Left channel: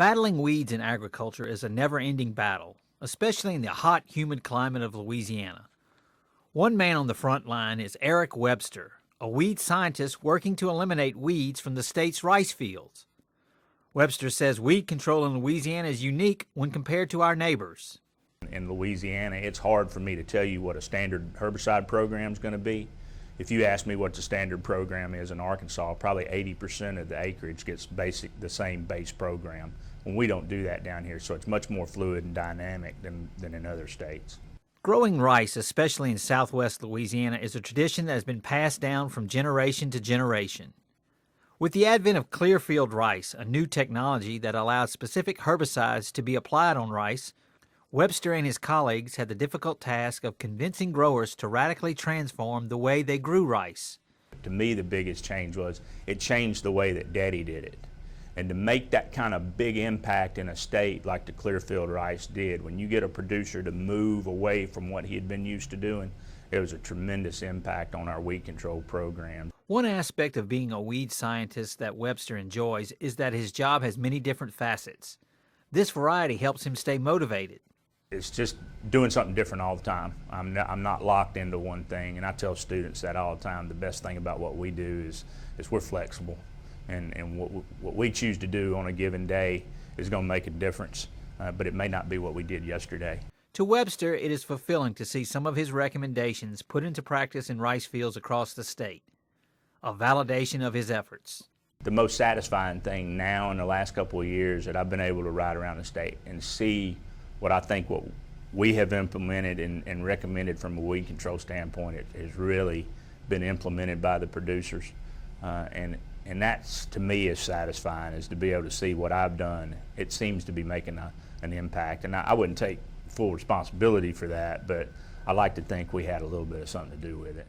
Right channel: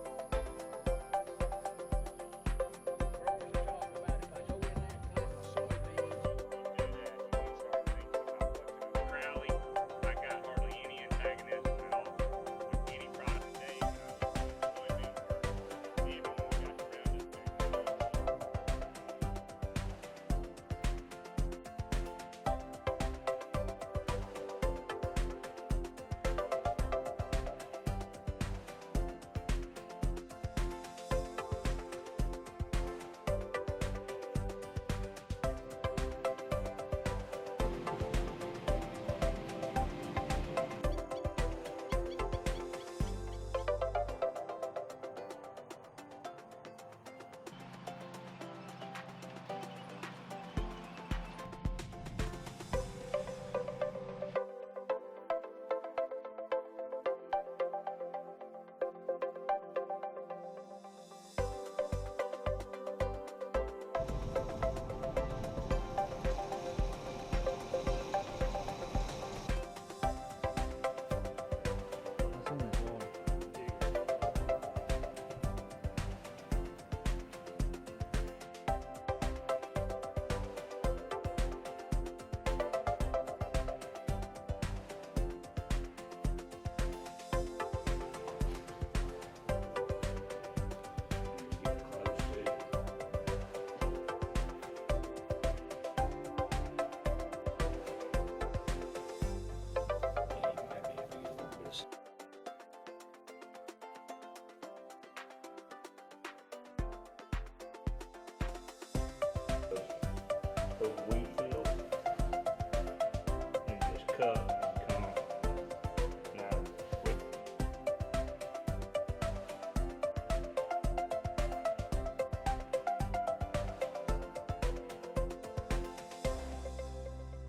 Battling weeds in agriculture is a never-ending battle, especially in the hot, humid climate of Louisiana. One man on the front line is Eric Webster, a weed scientist working to eliminate weeds from the state's rice fields. Webster says weed control in Louisiana is unique when compared to our neighbors. In Louisiana, it's hard for me to tell you what a standard herbicide program is going to be. If you ask me what the standard program is in Arkansas, probably 80% of the acreage gets the same base program. And we don't do that down here, so it's much more fluid and dynamic than in other states. Growing rice, especially in southwest Louisiana, is a tradition that has been passed down from generation to generation. With the advent of Clearfield Rice, a new technology that allows specific herbicides to be applied on rice, Webster and his colleagues had the difficult task of convincing growers to radically transform the way they grew rice. To me, the biggest change was it changed the way that Daddy did it. And to make that kind of big impact in a state like the Clearfield Rice did, when you get a producer to move away from what he had been used to doing, it was a tremendous impact on our weed control program. One aspect of being a weed scientist that Webster enjoys is that his job has many different facets. This variety helps him stay motivated. It's just doing something different all the time. I'm not locked into one thing, and I tell students that all the time. The best thing about what we do is we're flexible, and what we choose to do on a given day is going to make a difference, but it may not be what we did yesterday. To Webster, it is fulfilling to see some of his recommendations put into practice in rice fields across the state, a validation of his efforts. The most satisfying thing now in the last couple of years that I've been able to ride around the state and see what I think what we have implemented and recommended from a weed control standpoint has really been implemented by the producers. And that's, to me, is satisfying, is to be able to see what I've done. It seems to be making an impact. And I wouldn't take full responsibility for that, but I like to think we had a little bit of something to do with it.